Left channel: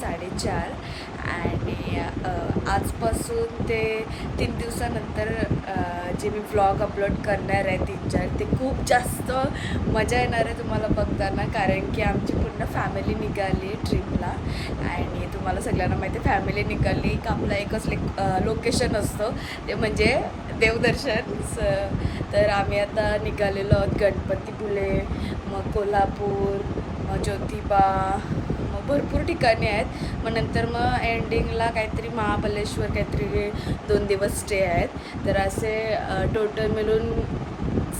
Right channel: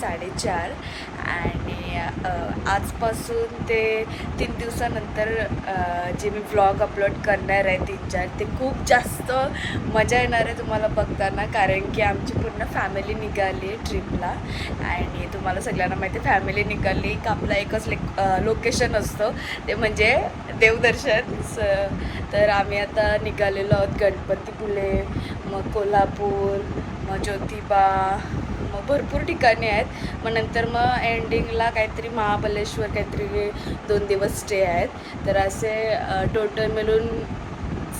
साडेचार. आणि आजपासून ते तीन दिवसानंतर जे मी ब्लॉग अपलोड करणार आहे तीन चार ते खूप जास्त मजा येणार आहे तुम्हाला बघताना कारण की आमची पूर्ण फॅमिली निघाली ट्रिपला आणि तुम्हाला सगळ्यांना माहिती आहे फॅमिली निघाली का आपला एकच लेक लोकेशन असतं. ते म्हणजे देवदर्शन. स तर आम्ही आता निघालेलो आहोत गणपतीपुले मग कोल्हापूर मग ज्योतिबा भरपूर ठिकाणी आहेत. मग नंतर मग एंडिंगला काहीतरी महाबलेश्वर काहीतरी दोन दिवस स्टे आहेत. तर असे टोटल मिळून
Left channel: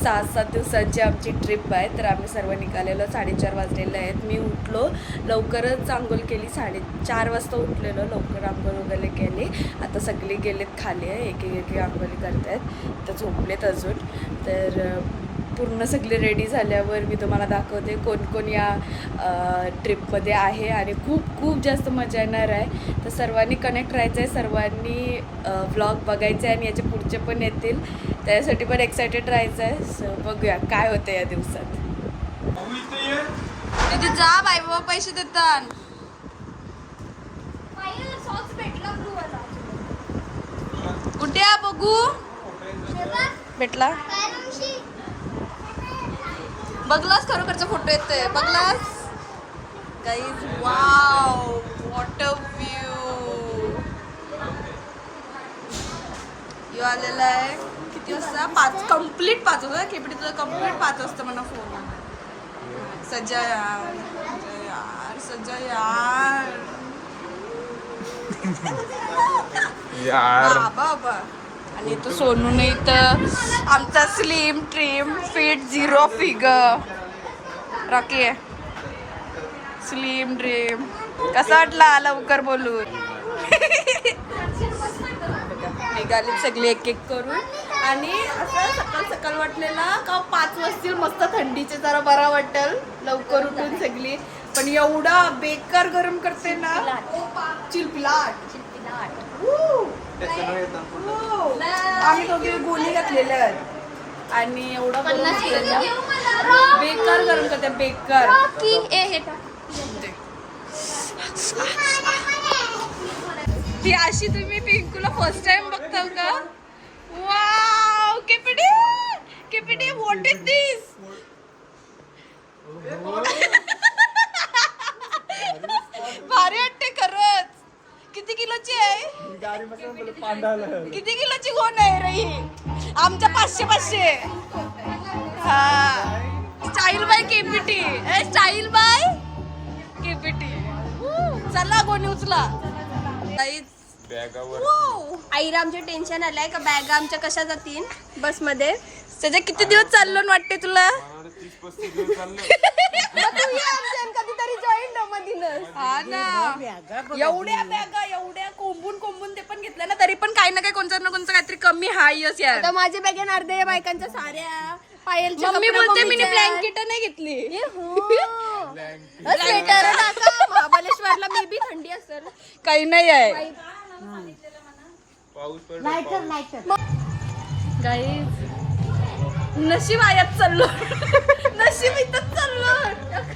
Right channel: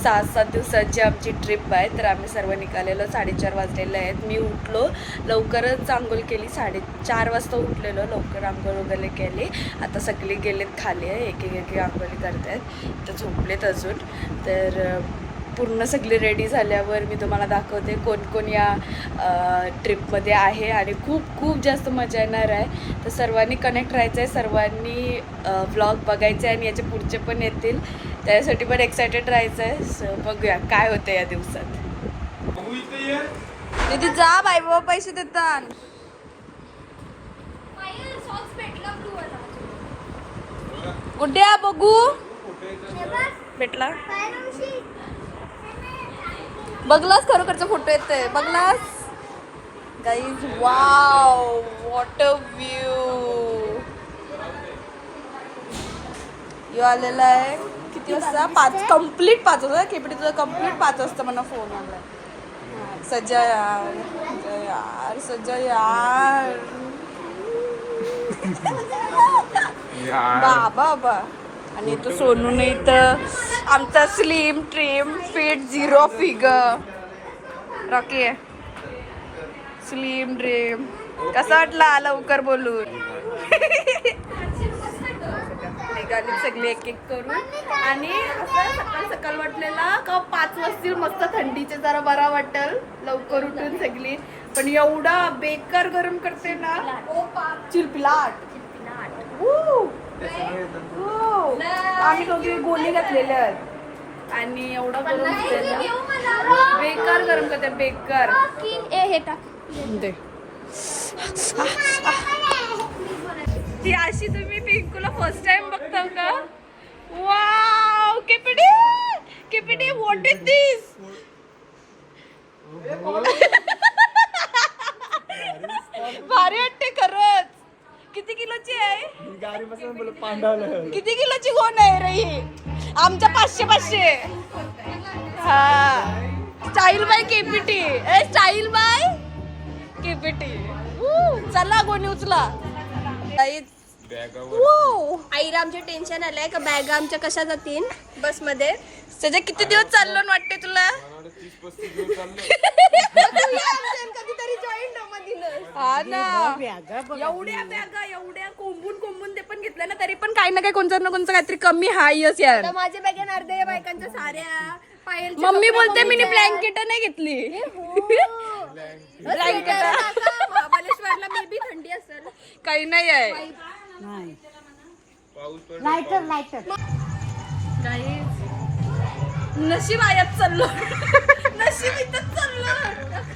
सात सात दिवसाची आमची ट्रिप आहे. तर आम्ही सर्व निघालेलो साडेचार वाजलेले आहेत. मी उठलो लवकरच आंघोळ केली साडेचार वाजता उठलेलो लवकर आंघोळ वगैरे केली. आता सगळी गेलेत खाली आहे एक एक आंघोळी करत आहेत तर झोपलेत अजून. तर पूर्ण सगळे रेडी झाल्यावर मी तुम्हाला दाखवते कोण कोण या ट्रिपमध्ये आहे आणि खूप खूप जास्त मजा येणार आहे. तर सर्वांनी कनेक्ट राहायचं आहे सर्वांनी ब्लॉग बघायचे आहे आणि याचे पुढचे पण येतील. त्यासाठी पण एक्सायटेड राहायचं आहे सो बघूया काय होतं या दिवसात. तिथे जा बाई बाबा पैसे देतात. कुठे बघू? भेटला. बघलास खरोखरचे फोटो येते बघलास? Guys wow what a view यो आलेला आहे किती वाजता? पाच कंप्लीट पाच वाजता. खेपडी तुझा कंप्लीट पाच वाजता मला फोन आलाय सज्जा यार सज्जा यार सज्जा यार. बाबा बाबा. आणि तो सोनू नाही तर आमचा slim trim fit zero figure Rocky आहे. स्लिम ड्रीम कसा वाटला लवकर बोलून? निघाली सगळी एक एक करून. आणि असं सकाळ सकाळ वाटलेला का पाच वाजतील मस्त थंडीचे जरा बरा वाटेल. लवकर उठून सगळी. पण एवढा बेकार गरम करते ना. चिलपिलाट! हो. आम्ही दोघे गोणी घातलेल्या आहेत. आणि एवढा गरम बेकार गरम करते बेकार. ती अशी तुम्ही पिंकूला फर्स्ट टाइम बघता का? वाव केपडी केपडी व्हॉट इज दिस भारी वाटते खरंच. किती किलोची आहे? किती किलोची कोण आहे रे ही? आमच्या पाचशे पाचशे. हा. Style by KPT. A style by KPT. चला गोणी उचला. आईला आमचे टेन्शन आलंय का? बॅग आमच्या कशा जातील? बसमध्ये. सध्या किती दिवस चाललो वाटते तुला? कधीतरी जॉईन हा ना. एवढ्या बॅगा एवढ्या कोंबून कोंबून ते पण घेतल्या ना तरी पण काही ना काही कोणतं ना कोणतं काहीतरी कमी हायच यार तर माझ्या बॅगेन अर्ध्या बायकांच्या साऱ्या मम्मी बोलते मी. ब्लँकेट नाही घेतली. महाबळेश्वरला मे बी थंडी असेल. काही नाही आहे. नशीब आयात चाललो नशीब इथंच चाललो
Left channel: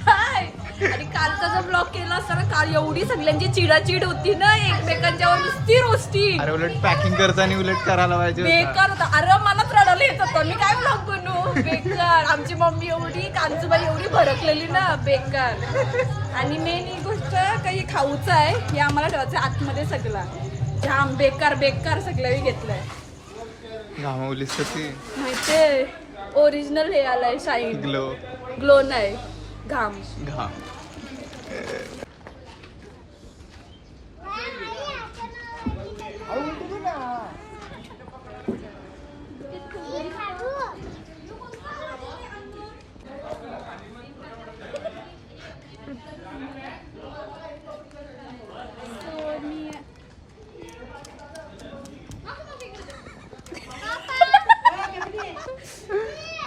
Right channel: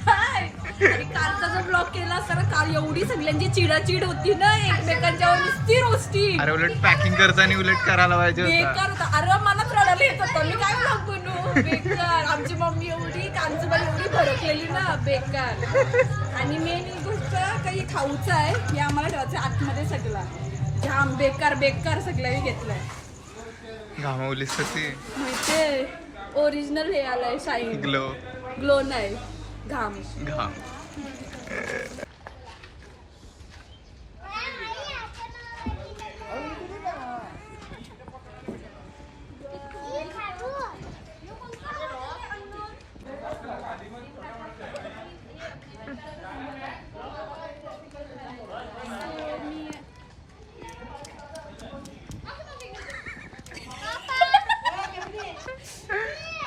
काय? आणि कालचा जो ब्लॉग केला असता ना काल एवढी सगळ्यांची चिडाचिड होती ना एकमेकांच्यावर नुसती रोस्टी अरे उलट पॅकिंग करताना उलट करायला पाहिजे. बेकार होता. अरे मलाच रडायला येत होतं. मी काय ब्लॉग बनवू बेकार. आमची मम्मी एवढी कांजूबाई एवढी भडकलेली ना बेकार. आणि मेन ही गोष्ट काही खाऊचं आहे हे आम्हाला ठेवायचं आतमध्ये सगळा. जाम बेकार बेकार सगळं घेतलंय. घामावलीस ती. माहितीये? ओरिजिनल हे आलंय शाईन ग्लो ग्लो नाही. घाम. घाम.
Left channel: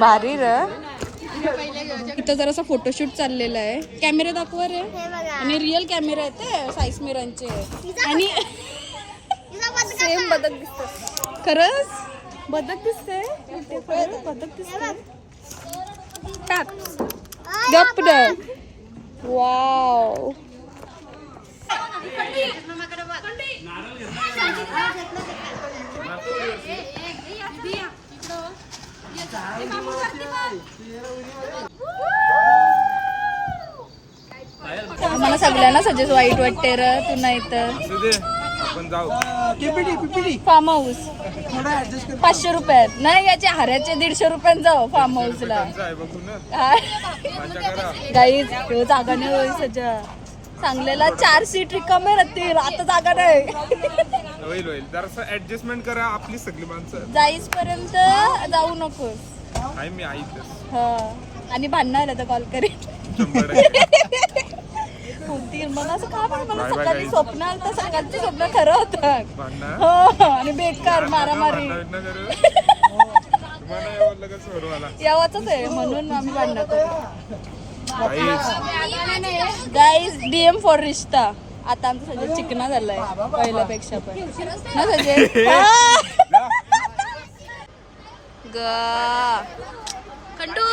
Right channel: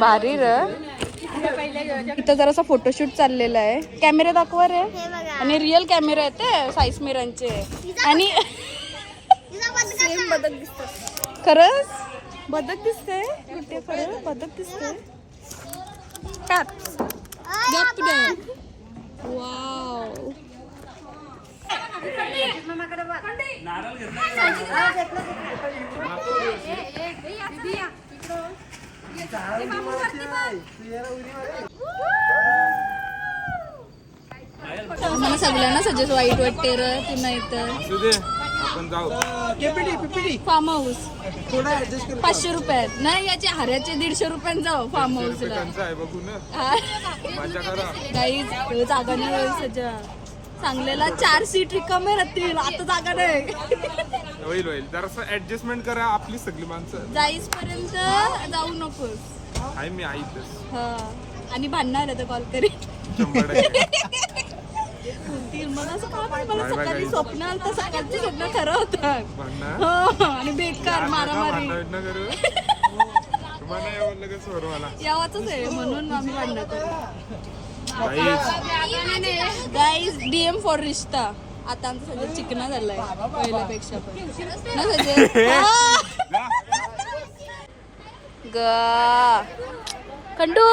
भारी र. इथं जरासा फोटोशूट चाललेला आहे. कॅमेरे दाखवा रे. हे बघा. आणि रिअल कॅमेरे आहेत ते साईस मिरांचे आणि सेम बदक दिसत खरंच? बदक दिसते कुठे? खरं बदक दिसते गप वाव मला सगळ्यांना सजेस्ट वाईट वाटते र तू नाही तर. आपण जाऊ. फार्म हाऊस पाचशे रुपयात नाही याचे हाऱ्याचे दीडशे रुपयात जाऊ फार्म हाऊसला गाईज जागा नाही होईल सजा चांगल्याला चार सीट रिकामे राहतील. आता जागा नाही. होईल होईल. जरासं ऍडजस्टमेंट करा आपली सगळी माणसं. जाईस पर्यंत जाऊ नकोस. मी ऐकतच हा. आणि भांडणार आता कॉल करेन. टक्के. बोलतील मग असं का पण मला Bye bye, सकाळी guys. स्वप्न आलं तर सकाळची स्वप्न खरं होतं. भांडणं? हो आणि बेकार मारामारी. भांडण करू? तुम्हाला यावाच आहे म्हणून आम्ही भांडणं करू. काहीच गाईज डीएम फॉर रिश्ता. आता आमचा सगळं चिकना झालाय पहिल्यापेक्षा पण. ना सजय? ग. खंडू?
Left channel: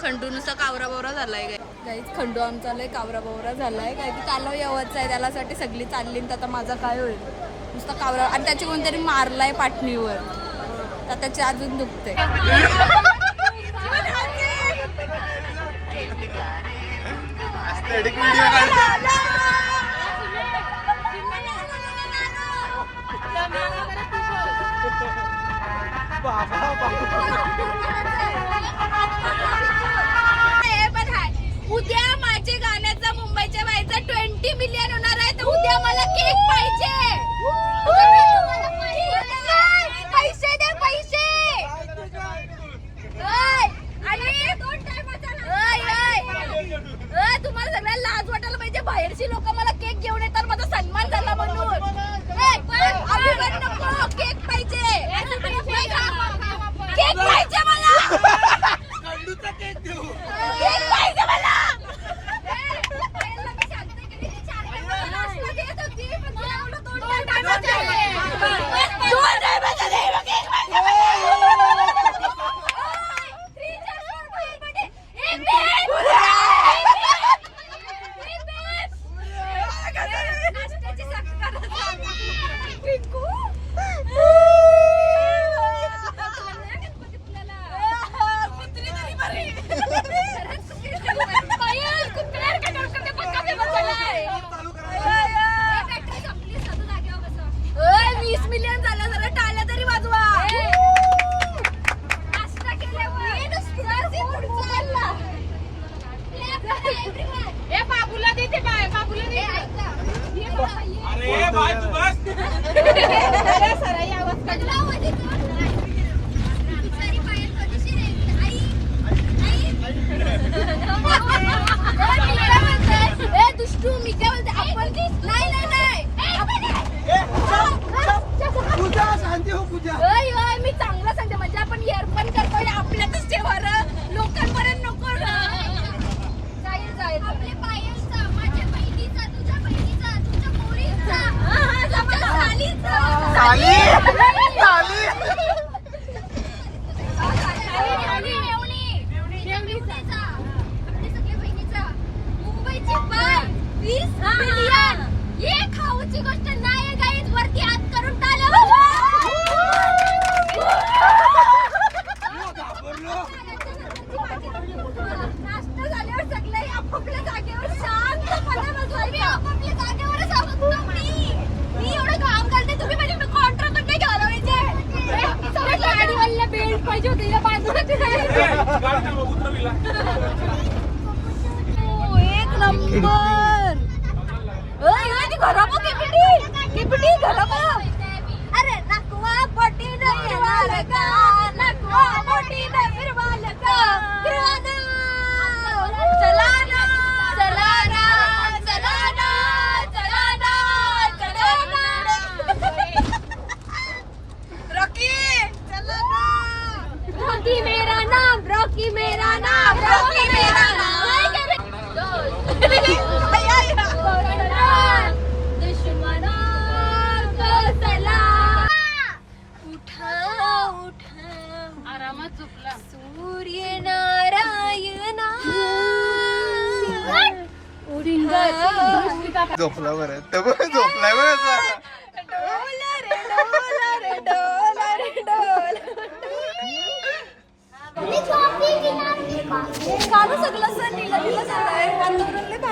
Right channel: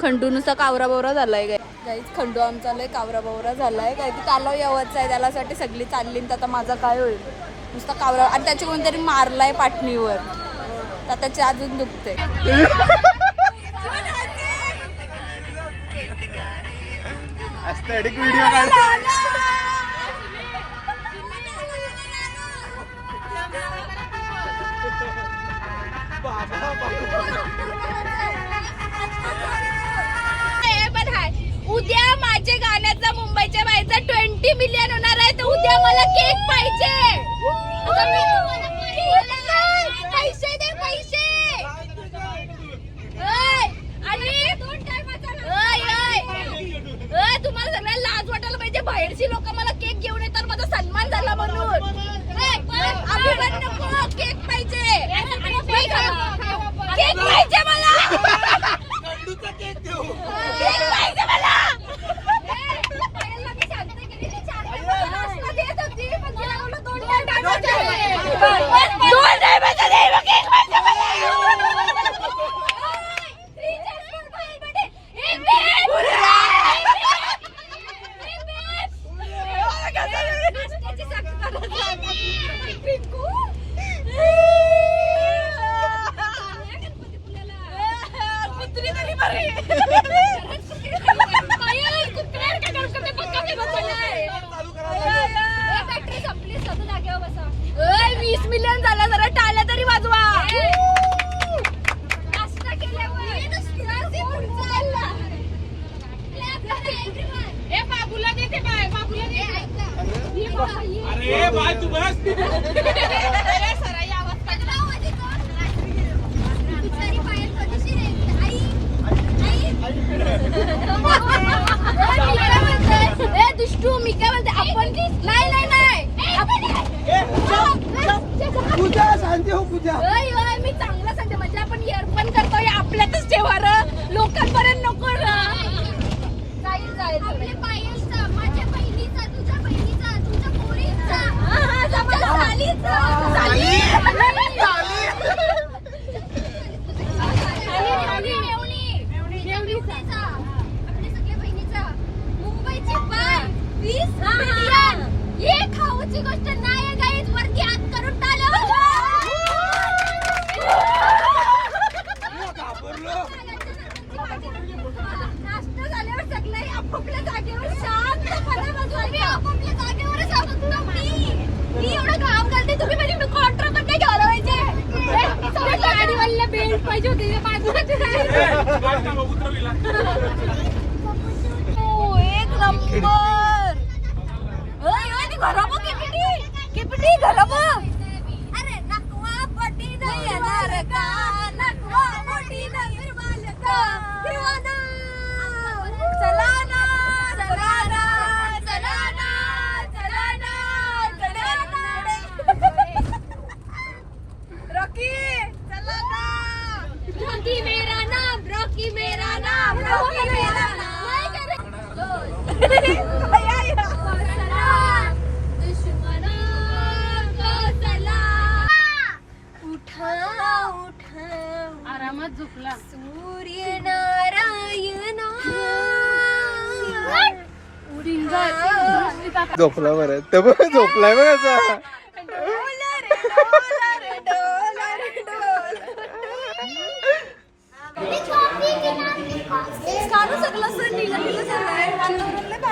खंडू नुसता कावरा बावरा झालाय काय? गाईज खंडू आमचा लय कावरा बावरा झालाय. काय की त्याला यावंच आहे त्यालासाठी सगळी चालली आणि आता माझा काय होईल? नुसता कावरा आणि त्याचे कोणतरी मारलाय पाटणीवर. तर त्याचे अजून दुखते उद्या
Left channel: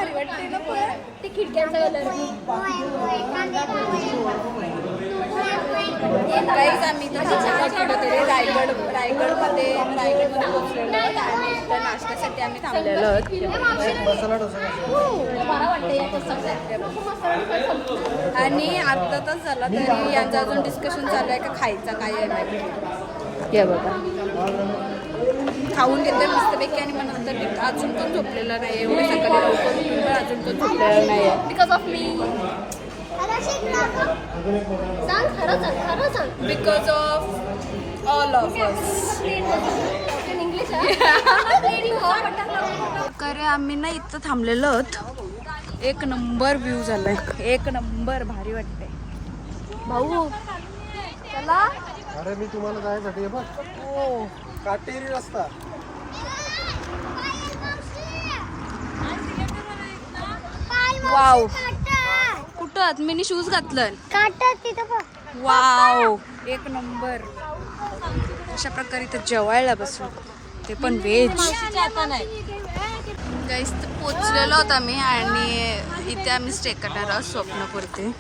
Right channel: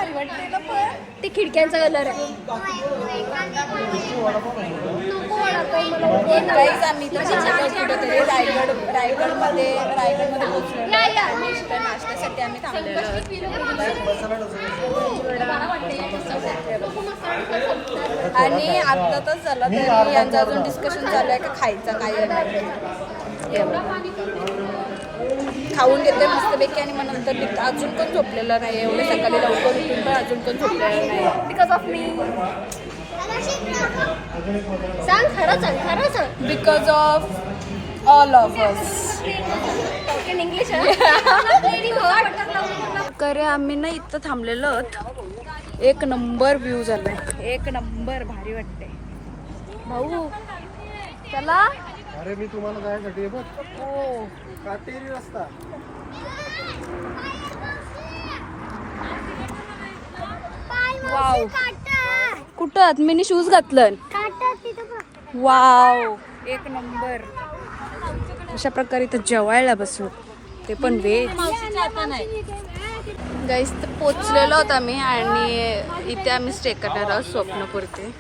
भारी वाटते ना पण ती खिडक्यांचा कलर आहे काहीच आम्ही तर थांबलेलो कुठेतरी रायगड रायगडमध्ये रायगडमध्ये इथं नाश्त्यासाठी आम्ही थांबलेलो आहोत. आणि अर्धा तास झाला तरी यांचं अजून डिस्कशन चालू आहे का खायचं काय येणार हे बघा. खाऊन घेते मस्तपैकी आणि मग नंतर. अजून पण झोपलेलं नाही एवढे सकाळी लवकर उठून पण अजून पण झोपलेलं नाही बिकॉज ऑफ मी सांग खरं सांग खरं सांग. Because of all of us in English करे आम्ही ना इथं थांबलेलो आहोत. एक नंबर व्ह्यू झाले. एक नंबर भारी वाटते भाऊ. चला. अरे मी तुम्हाला जायसाठी हे बघ हो. काटेरी रस्ता. वाव. कुठं? आहेत मी शूज घातलं. काटा तिथं बघ वाव. एक नंबर. अशा प्रकारे ते जेवायला बसलो. ते पण व्हेज गाईस तर पोचलेलो आहोत आम्ही आणि इथे आम्ही स्टे करणार आहोत स्वप्नपुरते.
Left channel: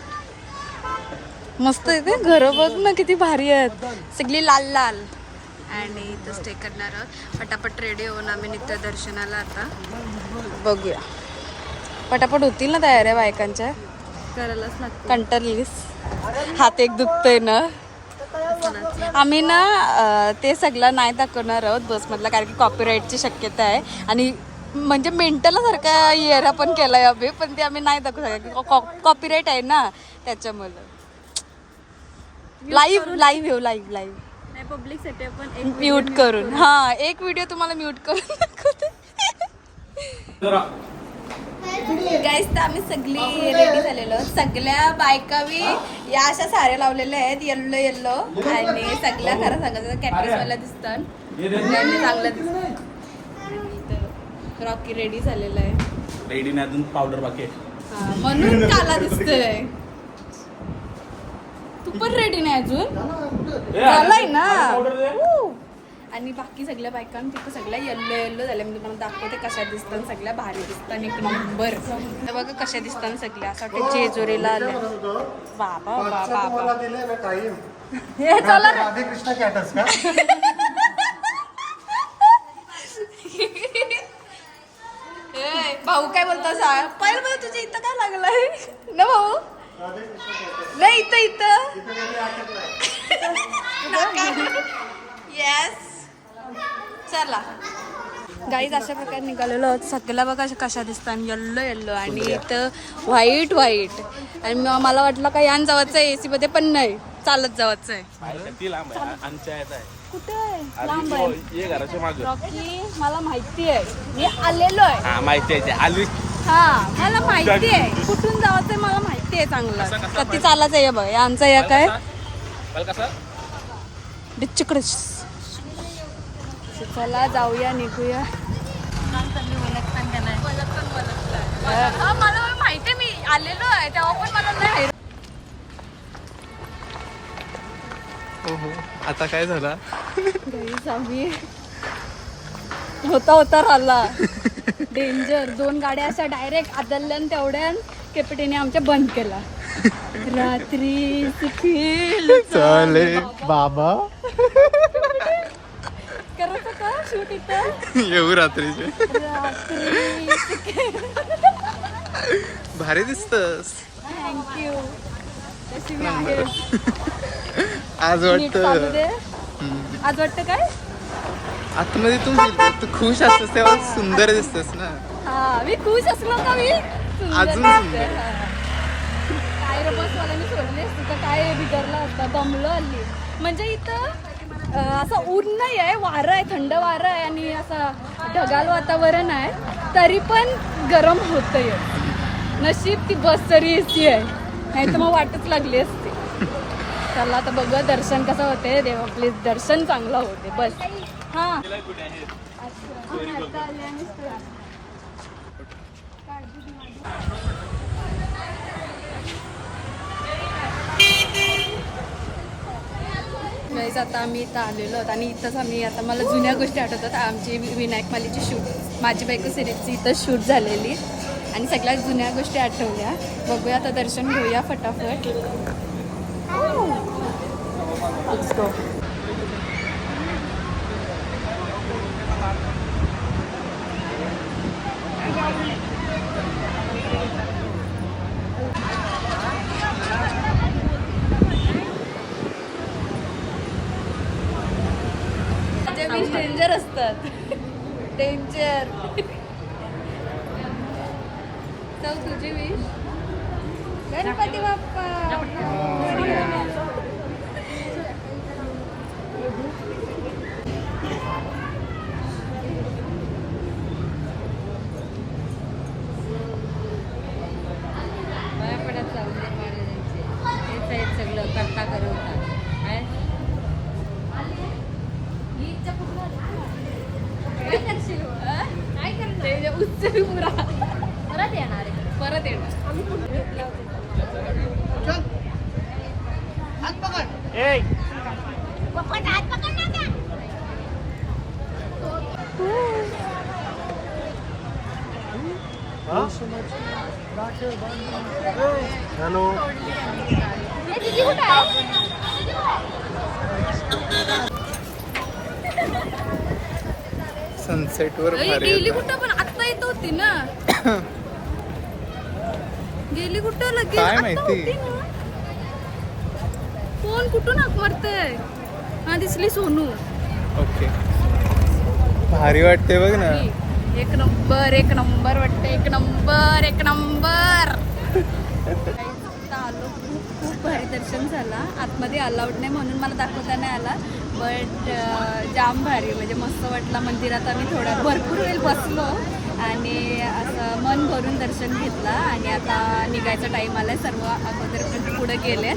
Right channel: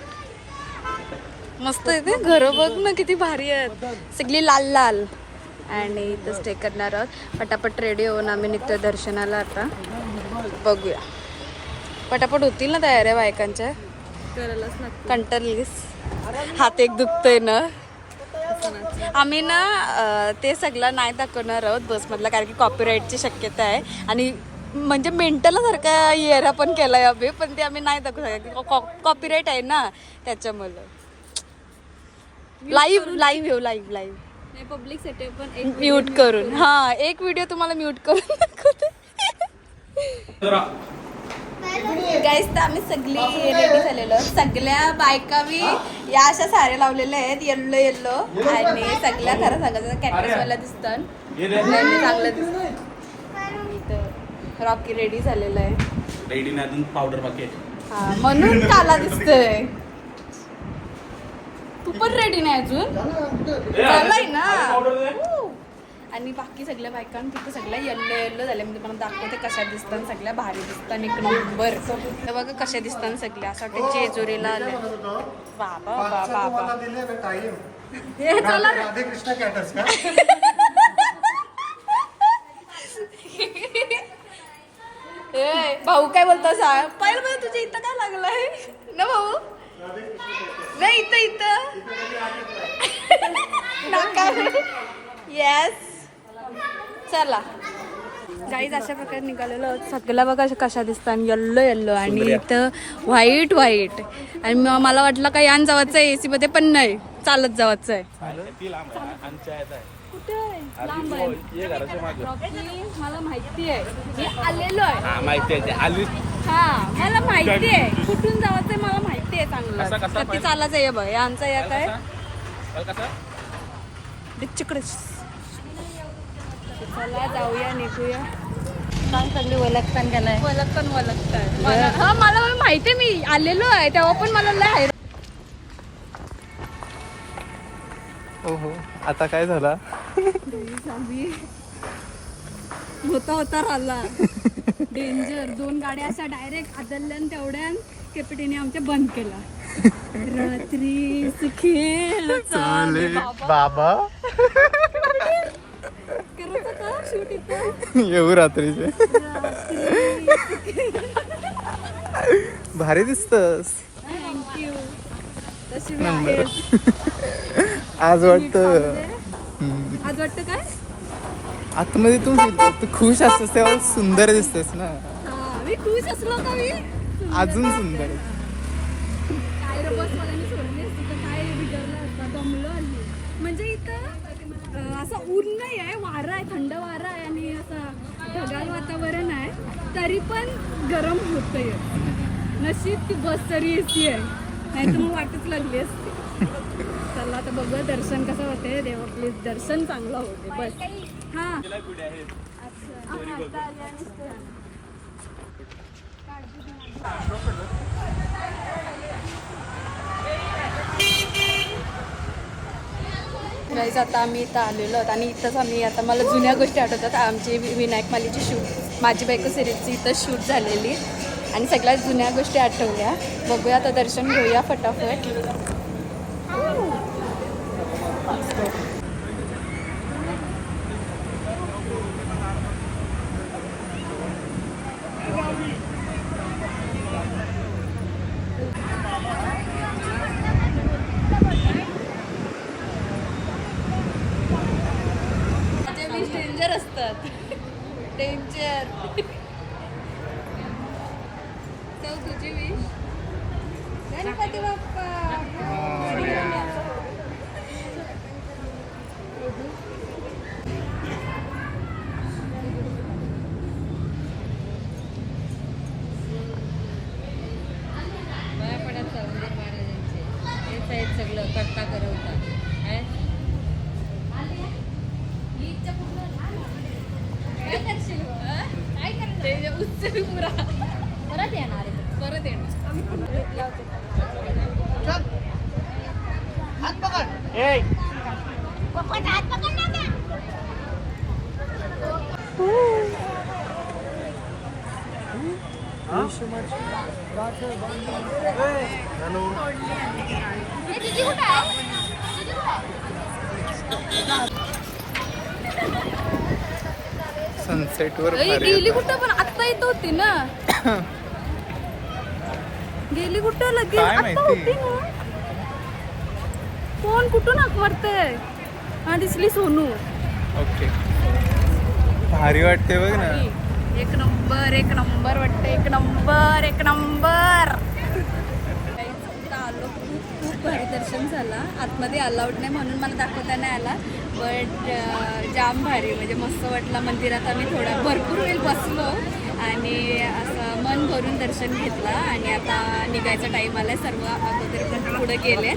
मस्त आहे ते. घरं बघ ना किती भारी आहेत. सगळी लाल लाल आणि इथं स्टे करणार आहोत. पटापट रेडी होऊन आम्ही नित्य दर्शनाला आता. बघूया. पटापट होतील ना तयाऱ्या बायकांच्या? कंटाळलीस. हात एक दुखतोय ना? आम्ही ना ते सगळं नाही दाखवणार आहोत बसमधला कारण की कॉपीराईटची शक्यता आहे. आणि म्हणजे मेंटलसारखा इयर पण केलाय आम्ही पण ते आम्ही नाही दाखवू शकत कॉपीराईट आहे ना त्याच्यामुळं. लाईव्ह लाईव्ह येऊ लाईव्ह लाईव्ह नाही पब्लिकसाठी पण म्यूट करून. हा एक व्हिडिओ तुम्हाला म्यूट करून दाखवते. गाईस तर आम्ही सगळी रेडी झालेलो. सगळ्या बायका मी या अशा साड्या लावलेल्या आहेत येल्लो येल्लो आणि सगळ्या खरं सांगायचं कॅटरेसवाल्या दिसतात. त्यांनी चांगलं दिसत रॉकी रेडी झालेलं आहे. रेडी नाही अजून पावडर बाकी आहे. हा, म्हणून काला दिसतोय. पण रेडी नाही अजून. झालंय ना? हू. आणि बाकी सगळ्या बायकां तिथं सगळ्या येल्लो येल्लो झाल्या. म्हणजे मला दाखवते कशा दिसतात सगळ्या भारी दिसतात. एक नंबर तर बघा कशा दिसतात सगळ्या. असं वाटतं जेजुरीला आले. बाबा बाबा बाबा. हे चला कॅटस भाऊ काय बोलतो? सांग पहिलं तुझ्या इथं काय लागलंय? ना भाऊ? नाही इथं इथं. नाका येस चला. गाईज अशा प्रकारे निघालेलो आहोत. सगळ्या बघा अशा कशा दिसतात येल्लो येल्लो आणि इथं व्हाईट व्हाईट आणि मग मला वाटलं का यान जावाचं आहे एसी मध्ये पण नाही. चालत जावाचं आहे. कुठे आहे लांब आहे. ये घराच्या मागं. रॉकी मला माहिती आहे. मी आलेलो आहे. हा माहिती आहे आली. हा मला माहिती आहे. कुठून जायचंय मला माहिती आहे चांगलं. कधी चालायचं आहे बघ. यांचा या काय कसं? डिच्चकडच चला जाऊया निघूया. चांगली ओळखतान का नाही ओळखतान ओळखतान हा मला माहिती आहे मी आलेलो आहे. तेव्हा पण मला लय हैराण हो हो आता काय झाला? आम्ही होता होता राहिला. डेंजर दोन गाड्या अशा डायरेक्ट आदल्यान तेवढ्यान केपटीने आमच्या बंद केला. रात्री सुखी चाले बाबा. करत का शूट इथं? येऊ रात्रीचे. रात्री भारी दिसतस. थँक्यू तशी मी आहे आज वाटत. आज वाटतं काय? आतमध्ये तू तू खुश असतेस तेव्हा सुंदर दिसतेस ना. हा मी खुश असलो का मी? अजून. सुंदर. काय रे बसवाल्याने सोडली असती का काय बिघडला होता दमलो हल्ली. म्हणजे इथं असं ऊन नाही आहे वारं आहे थंड वारं आहे आणि असं ढगाल वातावरण आहे. तरी पण गरम होतंय. नशीब ती बस तरी एसी आहे. नाही तर मग वाटच लागली असती. चला आता बघूया दर्शन कसं होते देवा प्लीज दर्शन चांगलं होते बस. हां. नाहीच आता आम्ही इथं आलेलो आहोत आणि इथंच आम्ही आता मला जुन्या गोष्टी आठवतात. आमची विनायक मालीची शूट माझी बायको सिरीजची इथं शूट झालेली. आणि सगळ्यात जुन्या गोष्टी आठवल्या. बघूया आता दर्शन घेऊया फटाफट. Let's डेंजर असतात डेंजर चौ तुझी विश गणपती बाप पाया पडत सौंदर्य महाराजांचे तेच आहेत सगळं करता करवता काय काय करणार उच्च पुरा परत येणार आहे परत येणार सनसेट वर गेली. कुठं? पण आत्ता येत होती ना. गेली कुठं? लगेच आत्ता? होती ना. कोण? कुठून हाक मारतय हा दिसली सोनू. ओके. भारी वाटते बघ ना. एक नंबर एक नंबर वाटतं एक नंबर एक नंबर. आलो खूप खूप भारी दर्शन झाला. आतमध्ये अलाउड नाही म्हणून मला दाखवता नाही आला. बट जाम भारी म्हणजे मस्त वाटलं. मंदिरात आम्ही थोडा भरपूर वेळ बसलो आणि असं मन भरून दर्शन घेतलं आणि आता निघायचा टाईम आला सर्व अगोदर पण पुढे गेले.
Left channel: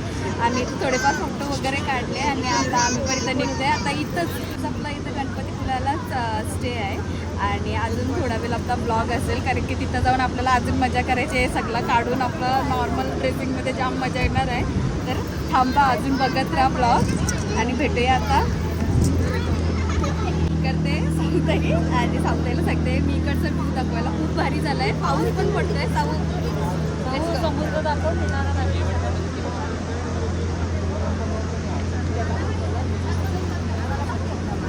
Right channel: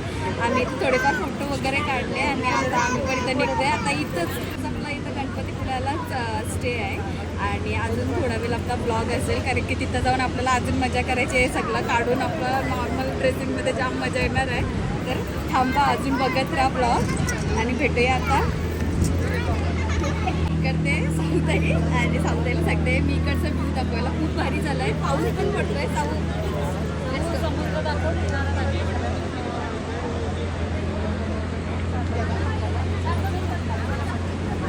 आम्ही थोडेफार फोटो वगैरे काढले आणि आता आम्ही पण इथं निघतोय. आता इथंच आपला इथं गणपतीपुळ्यालाच स्टे आहे. आणि अजून थोडा वेळ आपला ब्लॉग असेल कारण की तिथं जाऊन आपल्याला अजून मजा करायची आहे. सगळं काढून आपलं नॉर्मल ड्रेसिंगमध्ये जाम मजा येणार आहे. तर थांबा अजून बघत राहा ब्लॉग आणि भेटूया आता. करते सांगताई आणि सांगताईला सांगते मी इकडचा व्ह्यू दाखवायला खूप भारी झालाय. पाऊस पण पडतोय साऊ.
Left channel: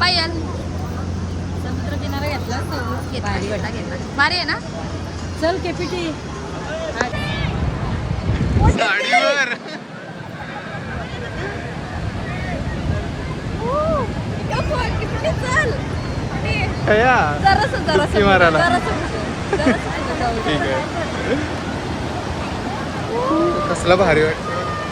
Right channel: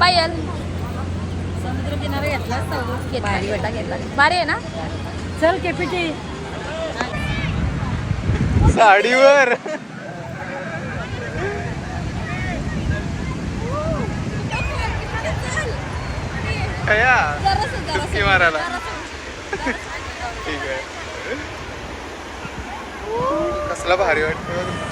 पायल. समुद्र किनारा घेतला भारी वाटा घेतला भारी आहे ना? चल केपीटी साडीवर चल. कया? जरासं जरासं डुबकी मारायला. ठीक आहे. कसला भारी वाटते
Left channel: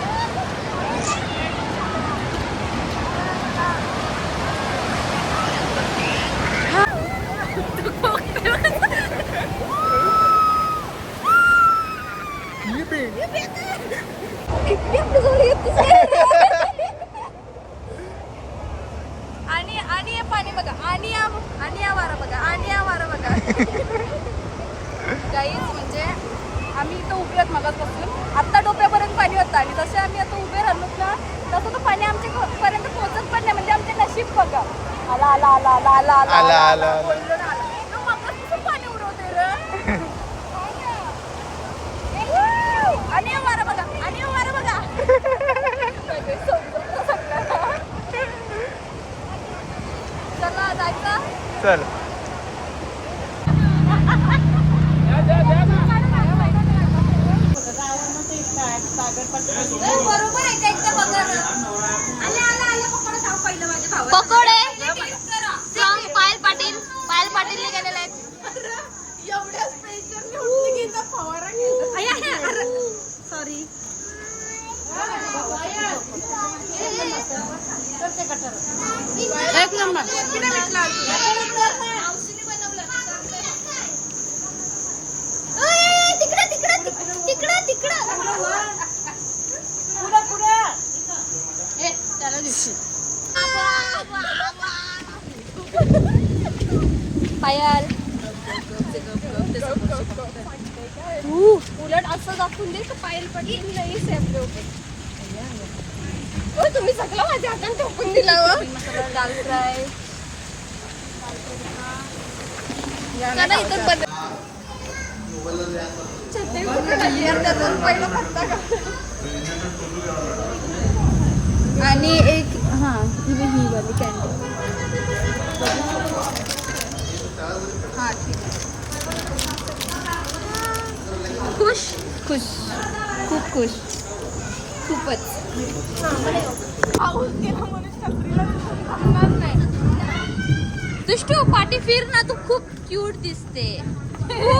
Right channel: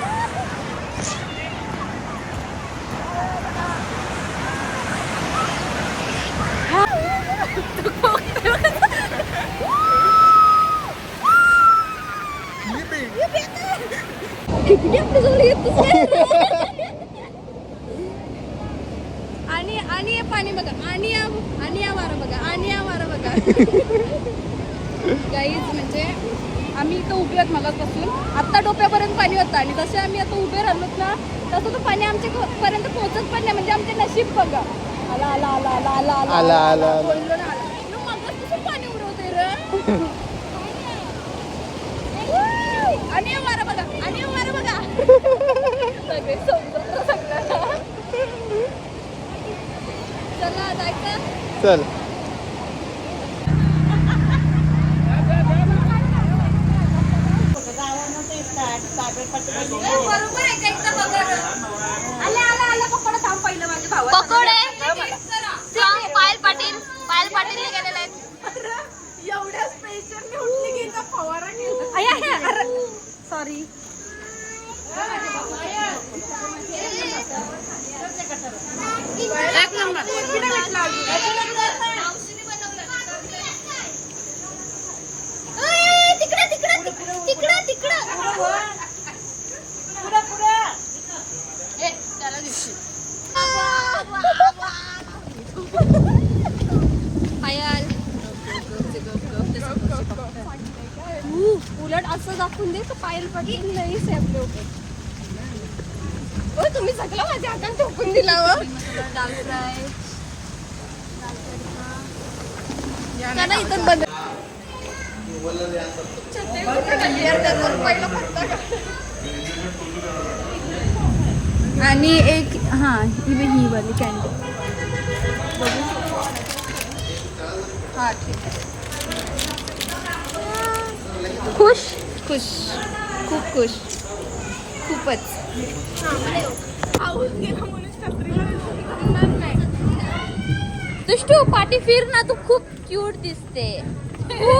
आणि आणि हे पाणी बघा आणि या आणि या वारा बघा आणि या वारा बघा काहीच म्हणजे आम्ही इथं उभे आहोत मगापासून आत्ता डोक्यापर्यंत पाणी होतं आणि जसे आम्ही आता उभे राहिलो ना तसं तो पाणी आमच्या पर्यंत पोहोचत पण नाही म्हणजे आमचे नशीब बघा आला आला आला आला आला आला आला. बोललो ना आला मगापासून पाणी उडवते रे आणि या वारा बघा आणि या वारा बघा सगळे समुद्र सगळा. चला जायचं चल बरोबर आहे का एकदा बघा आले आला आला पकड थांब पहिलं माझ्या भावा पकोडे सांग पायल पाटील पायल पाटील हे गेलेले आहेत सॉरी तिकडे तिकडे तिकडे तिकडे पायल उलट असं दाखवून दे तर पायल पडली नाही सेपले होते. ओ तुम्ही सगळं माझ्या हातात ठोकून दिला हो दाल फ्राय इथं. आणि एक हा ही ही वाली कॅन्डी हा ठीक आहे. खुश? खुश. खूप खुश. खूपच. दुष्टू पाठी फिर ना तू खूप क्यूट दिसते. हो.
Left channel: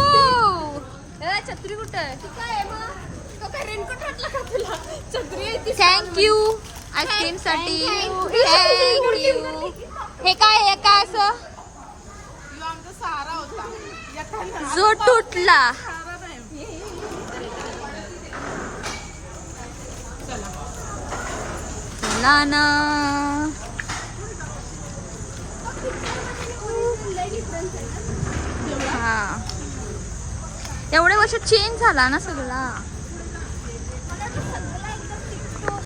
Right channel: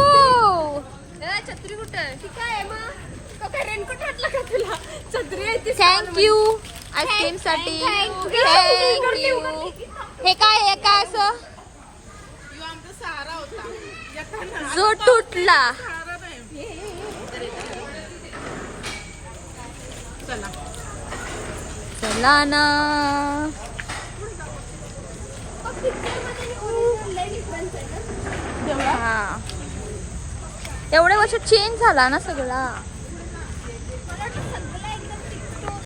ए, छत्री कुठे आहे? ती काय आहे मग? तो काय रेनकोट घातला का तुला? छत्री आहे ती. थँक्यू आईस्क्रीमसाठी. थँक्यू हे काय हे काय असं? जो तुटला. चला. ना. हा. एवढ्या वर्ष चेंज झाला ना सगळा